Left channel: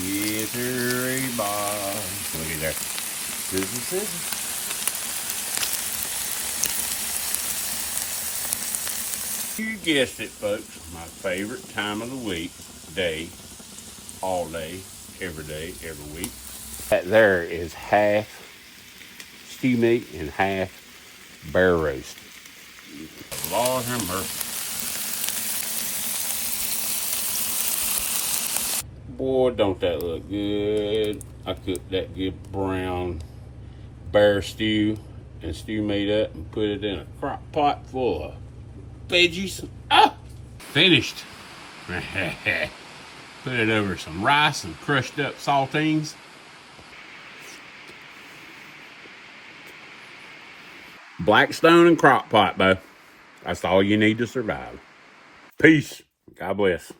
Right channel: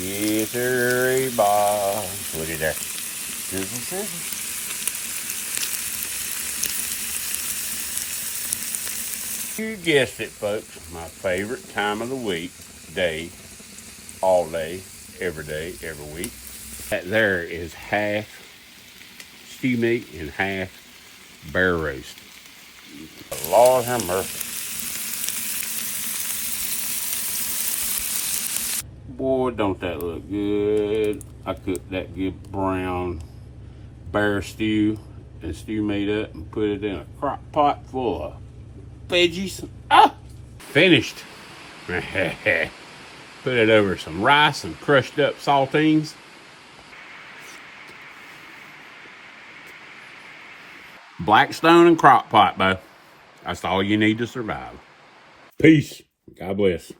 It's a ball. Look at that. Scissor, scissor. You guessed it, folks. My favorite time of the week, day, all day, every week. That there is half stew meat and half bear roast. Lord have mercy. Boy, don't that look good. I cooked that good brown bear stew and stew meat up and put it in a crock pot full of veggies. Ah! Finished. Put it over some rice and crushed up saltines. Blackstone and Crockpot, Bo. That's all you need to survive. Peace. God bless.